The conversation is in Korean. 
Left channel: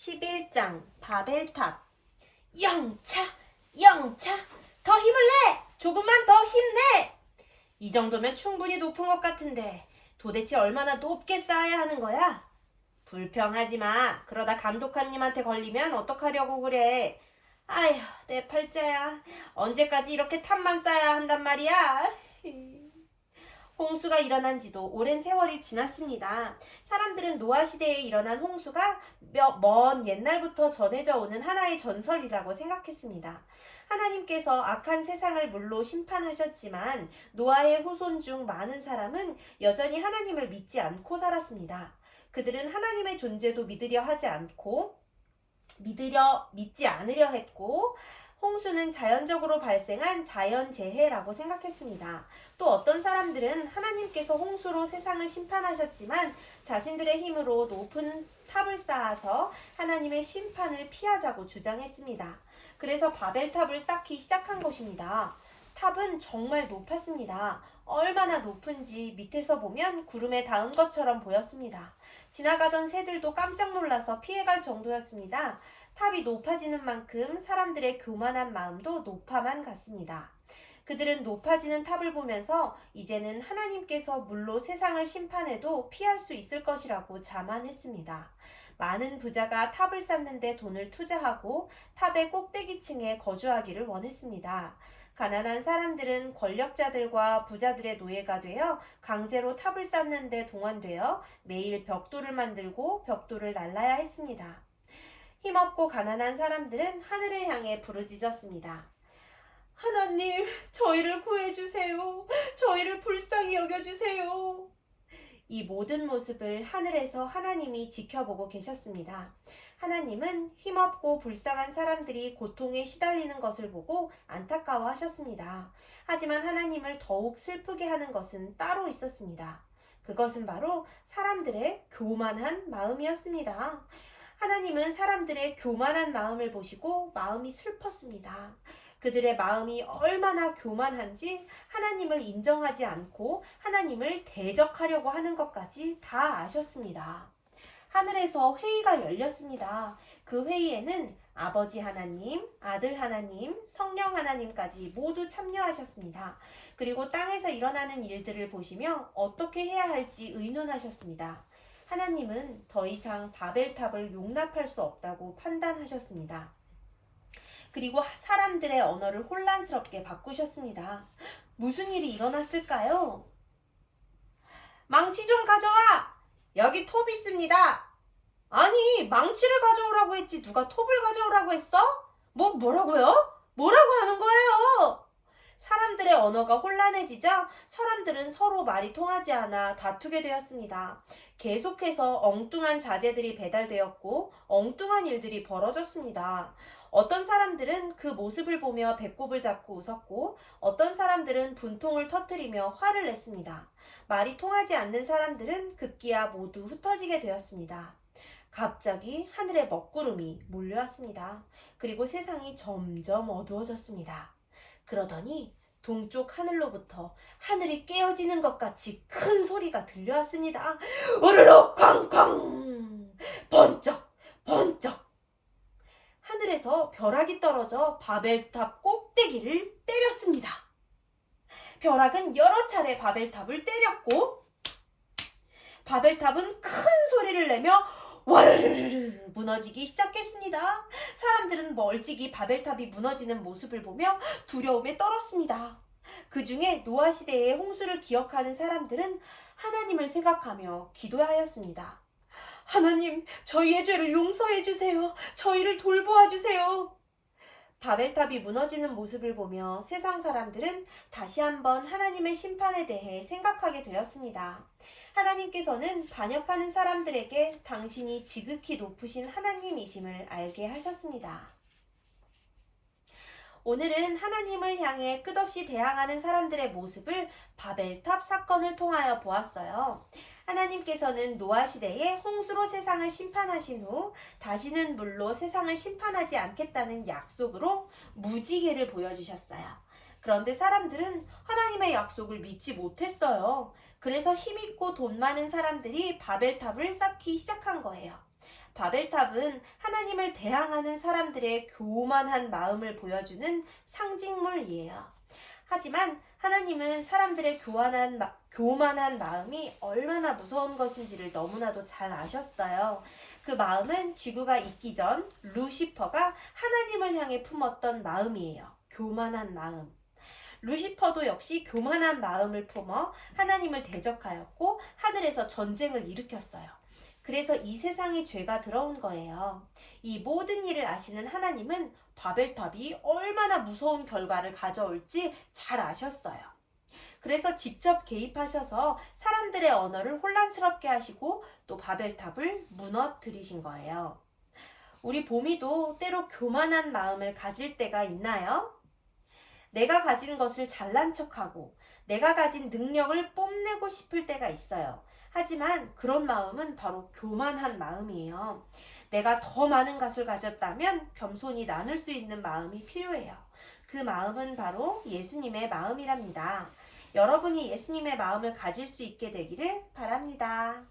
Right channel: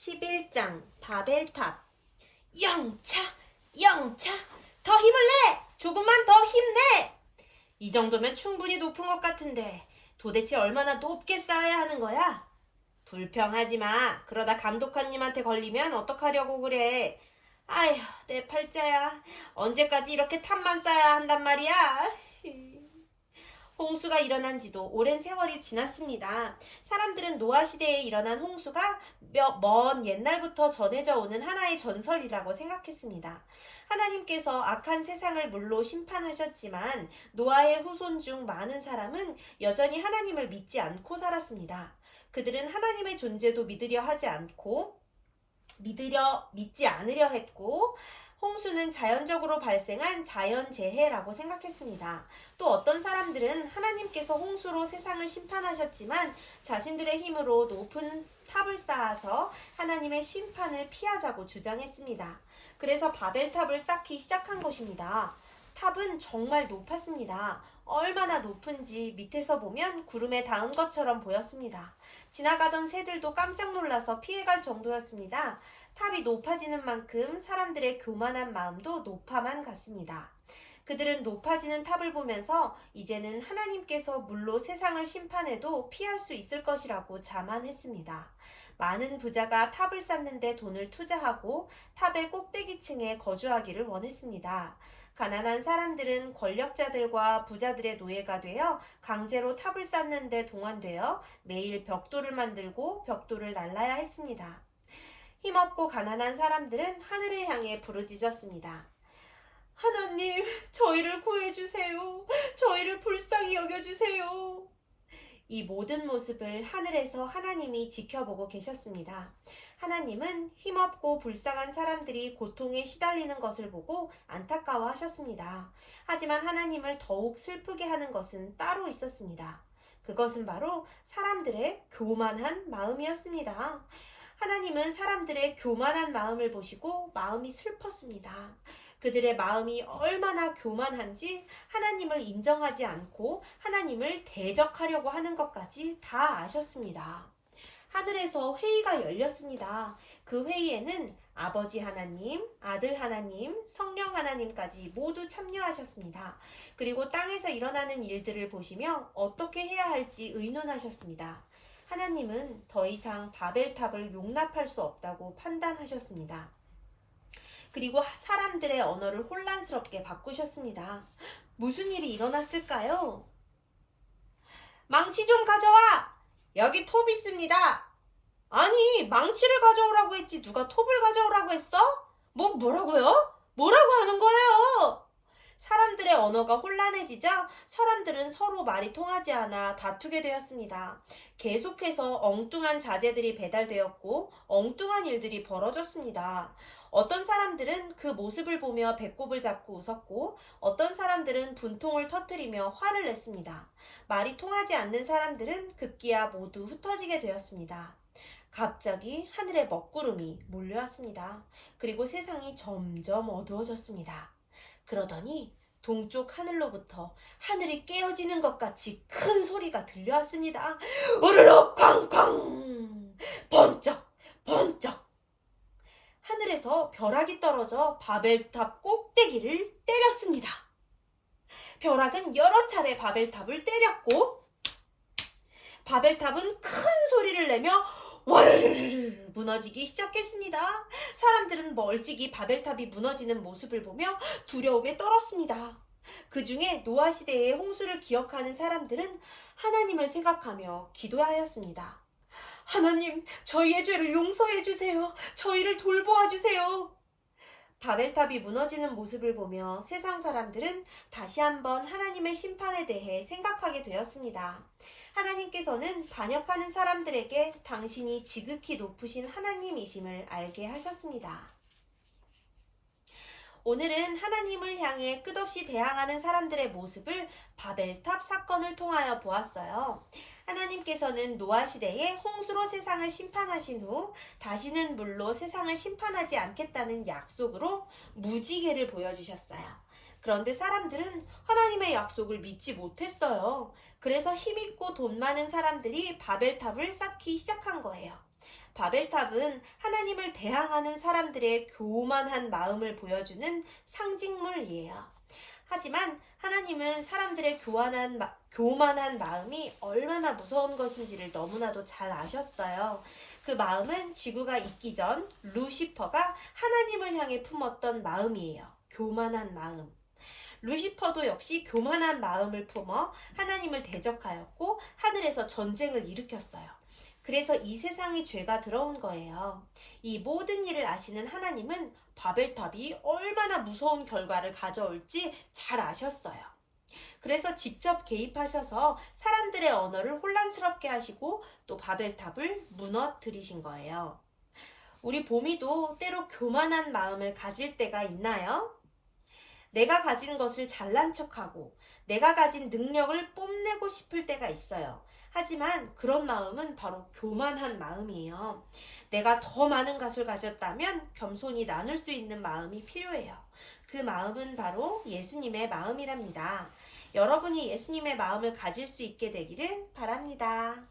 11장 바벨탑. 영차 영차 더 힘을 내! 조금만 더 힘내! 이 정도면 충분히 높은 것 같은데 도대체 얼마나 높게 쌓아야 하는 거야? 불평하지 마. 그러다 감독관님한테 걸리면 어떡하려고 그래. 아휴, 내 팔자야. 언제까지 이렇게 탑만 쌓아야 한단 말이야. 홍수가 일어난 지도 오랜 세월이 지났습니다. 사람들은 노아 시대에 일어난 홍수가 먼 옛날부터 전해져 오는 하나의 전설이라고 생각했습니다. 하나님께서 악한 세상을 물로 심판하셨지만 노아의 후손 중 많은 사람은 여전히 하나님을 믿지 않고 살았습니다. 그들은 하나님의 존재도 믿지 않으려 했고, 홍수는 자연적으로 발생한 자연재해라고 생각했습니다. 또 어떤 사람들은 하나님께서 홍수로 세상을 심판하셨지만 자신들의 힘으로 높은 탑을 쌓아서 하나님의 심판을 피하자고 주장했습니다. 그래서 바벨탑을 쌓기 시작한 것입니다. 탑은 정말 높았습니다. 얼마나 높은지 밑에서 보면 구름에 닿은 것처럼 보였습니다. 지나가던 새들도 깜짝 놀라서 피해갈 정도였습니다. 탑이 높아지는 만큼 사람들의 교만한 마음도 높아만 갔습니다. 그들은 높아지는 탑을 보면서 이제는 하나님께서 물로 세상을 심판해도 피할 수 있을 것이라고 자만했습니다. 많은 부자가 탑을 쌓는데 돈을 투자하고 탑의 꼭대기층에 거주하기를 원했습니다. 가난한 사람들은 권력자들과 부자들의 노예가 되어 강제로 탑을 쌓는데 동원되어 매일 벽돌을 만들고 벽돌을 날라야 했습니다. 힘없고 가난한 사람들은 하늘을 향해 부르짖었습니다. 하나님, 저희를 구해주세요. 저희를 불쌍히 여겨주세요. 이 모든 모습을 하늘에서 하나님이 지켜보고 계셨습니다. 하나님은 힘없고 불쌍한 사람들이 고통에 시달리는 것을 보고 안타까워하셨습니다. 하지만 하나님을 더욱 슬프게 하는 것은 따로 있었습니다. 그것은 바로 사람들의 교만한 마음이었습니다. 하나님은 사람들의 교만한 마음을 보시고 마음이 슬펐습니다. 그들의 마음이 얼마나 교만한지 하나님을 인정하지 않고 하나님을 대적하려고 하는 것까지 다 아셨습니다. 하늘에서 회의가 열렸습니다. 그 회의에는 아버지 하나님, 아들 하나님, 성령 하나님까지 모두 참여하셨습니다. 그리고 땅에서 일어나는 일들을 보시며 어떻게 해야 할지 의논하셨습니다. 하나님은 더 이상 바벨탑을 용납할 수 없다고 판단하셨습니다. 그리고 사람들의 언어를 혼란스럽게 바꾸셨습니다. 무슨 일이 일어났을까요? 망치 좀 가져와! 여기 톱 있습니다. 아니, 망치를 가져오라고 했지 누가 톱을 가져오라고 했어? 뭐라고요? 뭐라고 하는 거예요? 사람들의 언어가 혼란해지자 사람들은 서로 말이 통하지 않아 다투게 되었습니다. 계속해서 엉뚱한 자재들이 배달되었고 엉뚱한 일들이 벌어졌습니다. 어떤 사람들은 그 모습을 보며 배꼽을 잡고 웃었고 어떤 사람들은 분통을 터뜨리며 화를 냈습니다. 말이 통하지 않는 사람들은 급기야 모두 흩어지게 되었습니다. 갑자기 하늘에 먹구름이 몰려왔습니다. 그리고 세상이 점점 어두워졌습니다. 그러더니 동쪽 하늘로부터 하늘이 깨어지는 것 같이 큰 소리가 들려왔습니다. 우르르 쾅쾅 번쩍 번쩍. 하늘에서 벼락이 떨어져 바벨탑 꼭대기를 때렸습니다. 벼락은 여러 차례 바벨탑을 때렸고 바벨탑은 큰 소리를 내며 와르르르 무너지기 시작했습니다. 사람들은 멀찍이 바벨탑이 무너지는 모습을 보며 두려움에 떨었습니다. 그 중에 노아 시대의 홍수를 기억하는 사람들은 하나님을 생각하며 기도하였습니다. 하나님, 저희의 죄를 용서해 주세요. 저희를 돌보아 주세요. 바벨탑이 무너지는 모습을 보며 세상 사람들은 다시 한번 하나님의 심판에 대해 생각하게 되었습니다. 하나님께서는 반역하는 사람들에게 당신이 지극히 높으신 하나님이심을 알게 하셨습니다. 오늘은 하나님을 향해 끝없이 대항하는 사람들의 모습을 바벨탑 사건을 통하여 보았어요. 하나님께서는 노아 시대에 홍수로 세상을 심판하신 후 다시는 물로 세상을 심판하지 않겠다는 약속으로 무지개를 보여주셨어요. 그런데 사람들은 하나님의 약속을 믿지 못했어요. 그래서 힘있고 돈 많은 사람들이 바벨탑을 쌓기 시작한 거예요. 바벨탑은 하나님을 대항하는 사람들의 교만한 마음을 보여주는 상징물이에요. 하지만 하나님은 사람들의 교만한 마음이 얼마나 무서운 것인지를 너무나도 잘 아셨어요. 그 마음은 지구가 있기 전 루시퍼가 하나님을 향해 품었던 마음이에요. 교만한 마음. 루시퍼도 역시 교만한 마음을 품어 하나님을 대적하였고 하늘에서 전쟁을 일으켰어요. 그래서 이 세상에 죄가 들어온 거예요. 이 모든 일을 아시는 하나님은 바벨탑이 얼마나 무서운 결과를 가져올지 잘 아셨어요. 그래서 직접 개입하셔서 사람들의 언어를 혼란스럽게 하시고 또 바벨탑을 무너뜨리신 거예요. 우리 보미도 때로 교만한 마음을 가질 때가 있나요? 내가 가진 것을 잘난 척하고 내가 가진 능력을 뽐내고 싶을 때가 있어요. 하지만 그런 마음은 바로 교만한 마음이에요. 내가 더 많은 것을 가졌다면 겸손히 나눌 수 있는 마음이 필요해요. 그 마음은 바로 예수님의 마음이랍니다. 여러분이 예수님의 마음을 가질 수 있게 되기를 바랍니다.